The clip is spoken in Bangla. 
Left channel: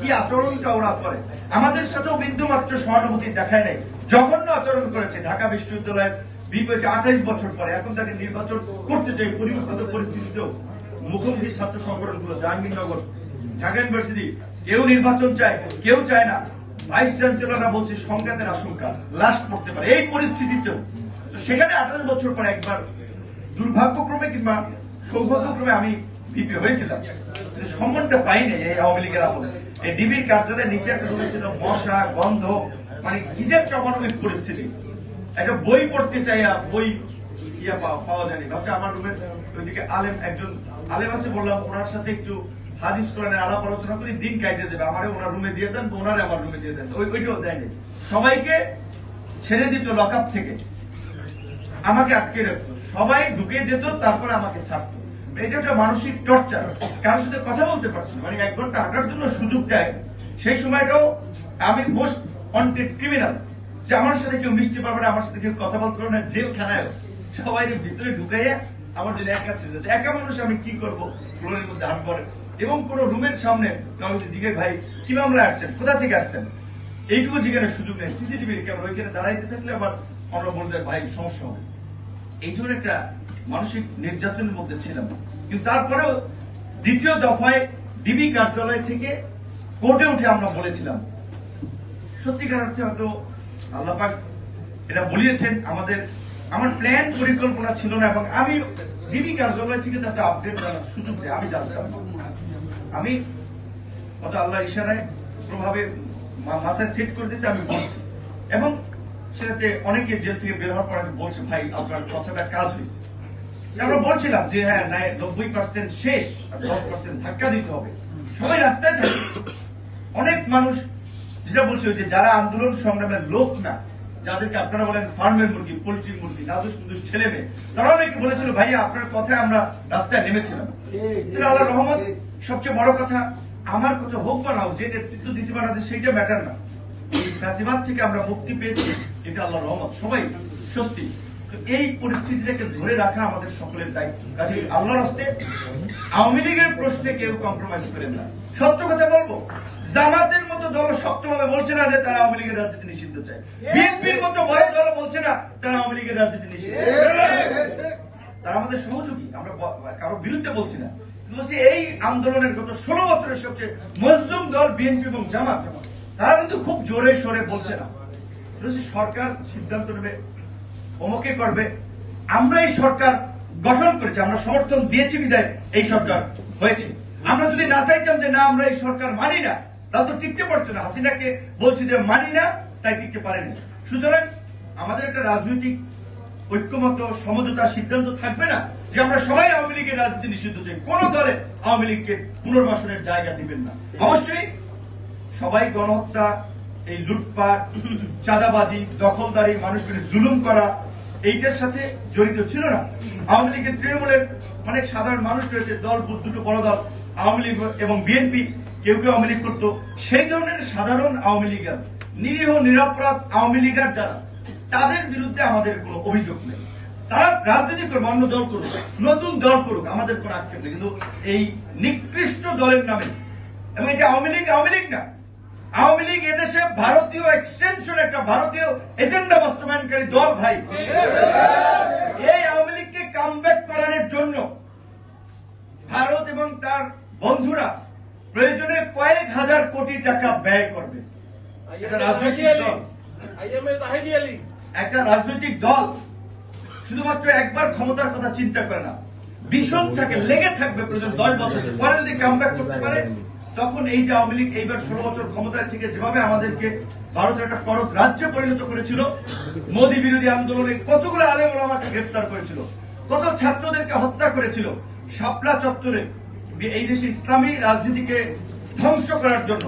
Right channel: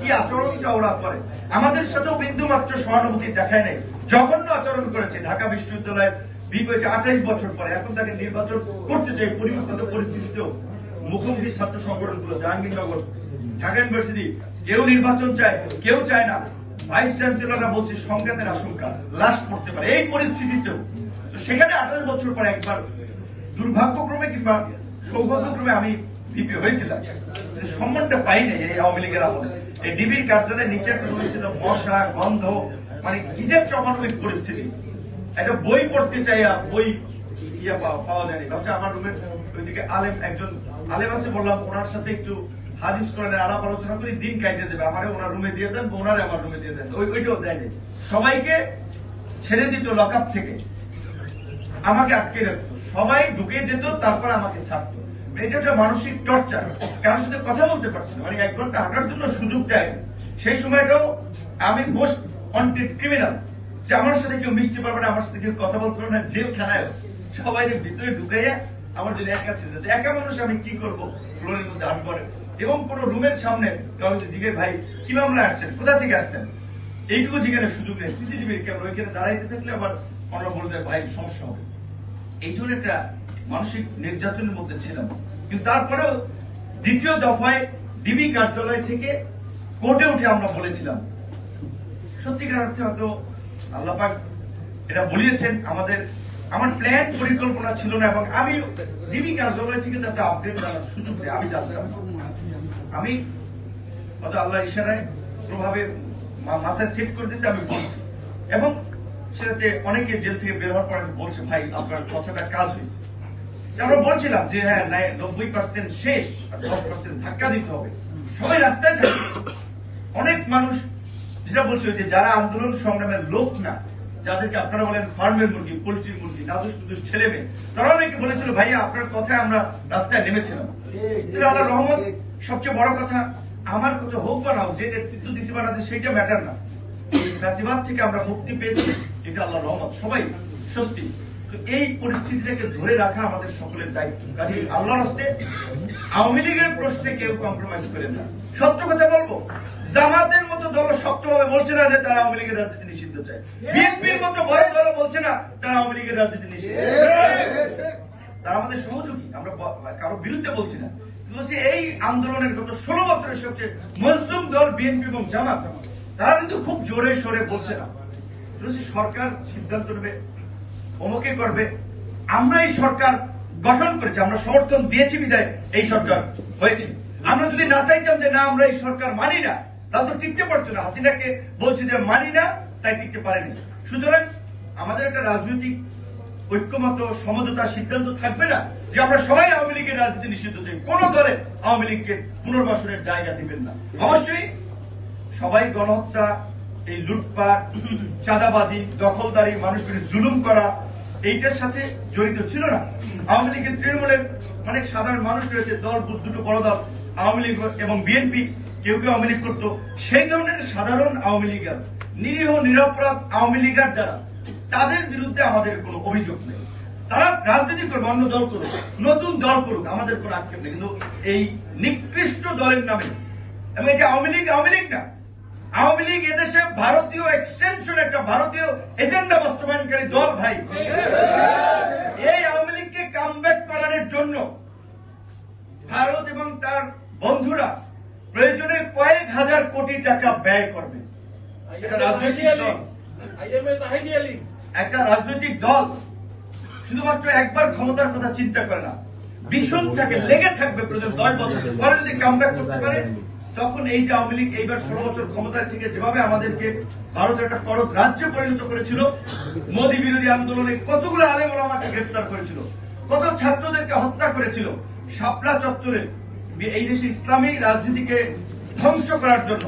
কি আচরণটা ওরা করে, আমাদের সাথেও বিন্দু মাত্র সহানুভূতি দেখায় নাই, জঘন্য আচরণ করেছে। ঢাকা বিশ্ববিদ্যালয়ের বিপ হয়েছে 28 বছর পরে, এখন তাকে নির্বাচন করতে চাই পরিবর্তিত পরিস্থিতিতেও মুখোমুখি ছাত্র সংগঠনগুলো, জাহাঙ্গীরনগর, ঢাকা ইউনিভার্সিটি, কেউ নির্বাচন চায়, কেউ চায় না। ভাইস চ্যান্সেলররা বলছে সংঘাতের আশঙ্কা, লাশ পড়তে পারে। এই পরিস্থিতিতেও সেখানে 28 বছর পরে একবার দুর্ভাগ্যক্রমে কিংবা সৌভাগ্যক্রমে আমি ভিপি হয়েছিলাম, সম্মানটা পাইনি এই আওয়ামী লীগের আমলে। এই ডিবির কার্যালয়ের নিচে একটা রয়েছিল মশা, গন্ধ, মানে কিসের অমানবিক পরিস্থিতি। একটা বই পড়তে চাইয়া বই পাওয়া যায়নি। ভাবছি আমার রুমের ওইদিকে আলেম একজন আলেম আছে, বললাম ওনার সাথে একটু হাদিস কোরআনের আলাপ আলোচনা করে দিন কাটে দেবে, আমারে ওনার রুমে দিয়ে দেন, ওনারে আমার রুমে দিয়ে দেন। ওইটাও দেয়নি, সবাইকে ছেড়ে দিত লকআপ থেকে, আমাকে আটকে রাখতো, সবাই ঢুকে যেত, তারপর আমাকে ছাড়তো। এটা একটা মানসিক টর্চার, কারোর সাথে কথা বলতে পারছি না, মানে 1 ঘন্টা হাঁটার জন্য সুযোগ দেয়। সেই সময়টাও আমি মোস্ট ওয়ান্টেড ক্রিমিনাল, যে আমার সাথে কেউ মিশতে পারবে না, আমার সাথে কেউ কথা বলতে পারবে না। জেলখানায় সবাই ভিতরে ঢুকাইয়া আমার জন্য একা ছিল, একা মানুষ আমি কি করবো ফ্লোরের মধ্যে হাত পরে। এবং কোন রুমের সামনে জিজ্ঞেস, ভাই কি মামলা আসছেন, কোথা থেকে আসছেন, এইটুকু জিজ্ঞাসার সুযোগ নেই। সিসিটিভির ক্যামেরা ওইখানে দাঁড়াইতে থাকলে আবার ওরা বলতে ভাই সমস্যা হবে। এই ধরনের একটা মানসিক নির্যাতনের মধ্যে ছিলাম। কিন্তু তারপরেও দ্বিতীয় দফায় ডিবি কার্যালয় থেকে কোর্টে উঠে আমরা বলেছিলাম, সত্যিকার অর্থে হয়তো আল্লাহ পাক এটা বলিয়েছেন, আমার প্ল্যান পরিকল্পনা ছিল না। এবং আমি ডিবি কার্যালয় থেকে যাতে আপডেট করার সুযোগ দেয় আমি জানতাম, আমি হয়তো আল্লাহ ইশারায় প্রভাবে মাথায় সেট করে দিয়েছে, আমি বলছি। এবং সেটাতে অনেকে জেল থেকে বের হওয়ার পর আমি বলছি, ভাই আপনার কথাটা কাজ হয়েছে। আমরা বলছিলাম যে হ্যাঁ 90% শেষ, 10% ধাক্কা দিতে হবে, সবাই রাস্তায় থাকে। অনেক মানুষ যেটা বলছে যে যারা আন্দোলন সংগ্রামের লোক না, যাদেরকে আপনারা বলেন ফার্মের মুরগি, পোল্ট্রির মুরগি, নাদুস নুদুস ছেলে মেয়ে, তারা অনেকে বলেছিল ভাইয়া আপনার কথায় আমরা রাস্তায় নেমেছিলাম। আল্লাহ রহমত, সবচেয়ে বড় কথা, আমার কথা হোক বা নাও, যে নেতৃত্ব দিছি বানাতে সেইটা ম্যাটার না, গাজিবাদ থেকে আমরা মুক্তি পেয়েছি, এটা আল্লাহ রহমত, সবাই সত্যি। তো এই পরিস্থিতিটাকে ধরে রাখা আমাদের সকলের দায়িত্ব। কাজে আল্লাহর হস্তে আওয়ামী লীগের প্রশ্নে কেউ কম্প্রোমাইজ করেন না। সত্য কথা বলবো, জামাতের মতো দল শক্তভাবে বলছে না যে তারা আওয়ামী লীগের রাজনীতি নিষিদ্ধ চায়, বিএনপির মতো বড় দল বলছে না তারা আওয়ামী লীগের রাজনীতি নিষিদ্ধ, তারা আমাদের সহযোগী, আমরা কারোর বিরুদ্ধে বলছি না। কিন্তু এই আন্দোলনের গত 16 বছরের সবচেয়ে মজলুম দল বিএনপি এবং জামাত, তারা কিন্তু খুব জোরে সোরে বলছে না। সরকার সিদ্ধান্ত নেবে, অমুকে করবে, আমরা এই সরকার গঠন করেছি, আমরা সমর্থন দিয়েছি বিদায় এই সরকার হয়েছে। আমরা যদি না চাইতাম যে না আমরা এই সরকার মানি না, তাহলে তো টিকতে পারতো না। হাসিনাকে বলছি যে মানি না, তাই টিকতে পারেনি। সুতরাং আমাদের একটা রাজনৈতিক ঐক্যমত সমঝোতা সিদ্ধান্ত থাকবে না যে আমরা সবাই আওয়ামী লীগের রাজনীতি নিষিদ্ধ চাই, কোন দলে আওয়ামী লীগকে পুনর্বাসনের জায়গা দিবেন না। অবশ্যই সবাই গণহত্যা, এই লুটপাট, চাঁদাবাজি, দখলদারি, মানুষকে জুলুম করা, এইটার সাথে জড়িত ছিল না। আওয়ামী লীগের তৃণমূলের অনেক সাধারণ মানুষ রয়েছে, দল দুটো বড় দল আওয়ামী লীগ এবং বিএনপি, কেউ কেউ আওয়ামী লীগ করতো। সেই ধরনের সাধারণ আওয়ামী লীগের, নিরীহ নিরপরাধ আওয়ামী লীগের যারা, তাদের বিরুদ্ধে আমাদের কোনো অভিযোগ নেই। তারা রাজনীতি করবে, অন্য দল করুক, নতুন দল করুক, আমাদের কোনো আক্ষেপ নেই। কিন্তু এই নিকৃষ্ট দলের নামে, এবং এটা আওয়ামী লীগ না, আওয়ামী লীগ এদেশে ভারতীয় এক্সটেনশন, একটা ভারতীয় এজেন্ডা বাস্তবায়নকারী দল। ভাই, এই আওয়ামী লীগকে কামব্যাক করানোর জন্য ভারত এবং তার বন্ধুরা প্রয়োজনে কয়েক হাজার কোটি টাকা ব্যয় করবে। একটা রাজনৈতিক দল শুধুমাত্র একবার ক্ষমতার কথা চিন্তা করে না, ভীষণ থাকে, লেগে থাকবে প্রয়োজন 10 বছর পরে যদি কামব্যাক করতে পারে, তখন এই যে আওয়ামী লীগ এইবার 16 বছর ক্ষমতায় থেকে যেভাবে আমাদেরকে ভারতের একটা পরক রাজ্যে পরিণত করেছিল, মোদী বিরোধী আন্দোলনে কতগুলো আলেম ওলামাকে গ্রেপ্তার করেছিল, কত ছাত্রদেরকে হত্যা করেছিল, শাপলা চত্বরে এই দেশে ইসলামী রাজনীতিকে ধ্বংস করার জন্য